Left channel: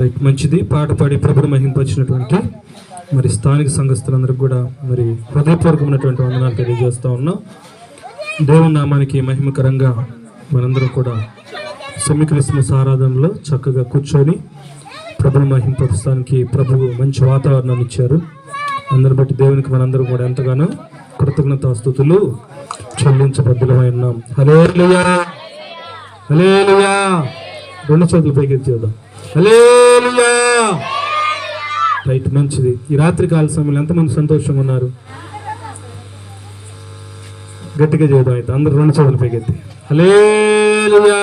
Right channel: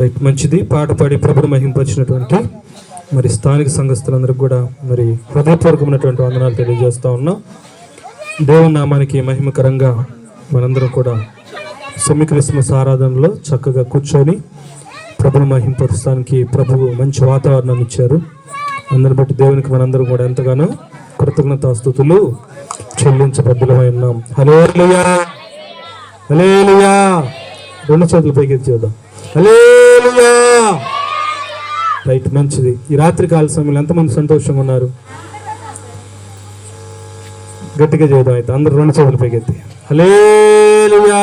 Right, మంచిది. పాట పాడి ప్రభుని మహింపరిచినటువంటి మరి స్థానిక సంఘస్థులందరికీ కూడా మరి హృదయపూర్వకమైనటువంటి వందనాలు తెలియజేస్తా ఉన్నాం. దేవుని నామానికి మహిమకరంగా మనందరం కూడా సెమీ క్రిస్మస్ ఆరాధనలో చక్కగా కూర్చొని ప్రభుని మహింపరచడానికి ప్రభువు మంచి వాతావరణం ఇచ్చారు. అందరిని బట్టి దేవునికి మనందరం కూడా ఎంతగానో కృతజ్ఞతాస్తుతులు చెల్లించబద్దులమై ఉన్నాం. హల్లెలూయా, హల్లెలూయా. రెండు చేతులు పైకి చేద్దాం. హల్లెలూయా. రైట్, మంచిది. ఈ రాత్రి కాల సమయంలో ఎంతమంది సంతోషంగా ఉన్నారు? గట్టిగా చేద్దాం. అయితే అందరూ రెండు చేతులు పైకెత్తి హల్లెలూయా.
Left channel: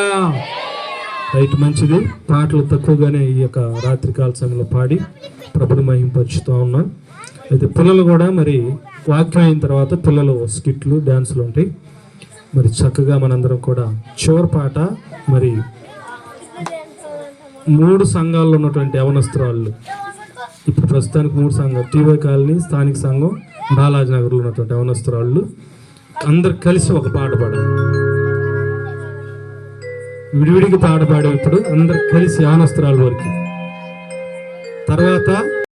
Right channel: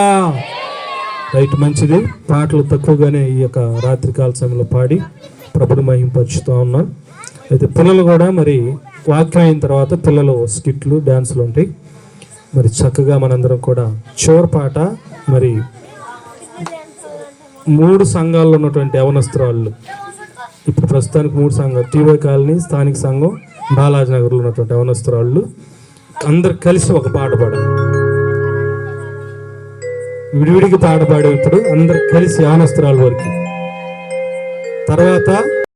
రైట్, మంచిది. పాటలు తక్కువగానే ఈ యొక్క రాత్రి కాల సమయంలో పాడి ప్రభుని మహింపరుచుతూ ఉన్నాం. అయితే పిల్లలు కూడా మరి వాక్యం అయిన తర్వాత పిల్లలు స్కిట్లు, డ్యాన్సులు ఉంటాయి. మరి చక్కగా మనందరం కూడా చివరి పాట మరి 3 సంఘాల్లో ఉన్నటువంటి యవనస్త్రాలు, ఇప్పుడు ప్రస్తుతానికి 3 సంఘాలు, టీవీ కాలనీ, స్థానిక సంఘం, బాలాజీ నగర్లో ఉన్నటువంటి యవనస్త్రాలు అందరు కలిసి ఒక పాట పాడారు. విడివిడికి పాట పాడేప్పుడు అందరు కలిసి యవనస్త్రాల వరకు, తర్వాత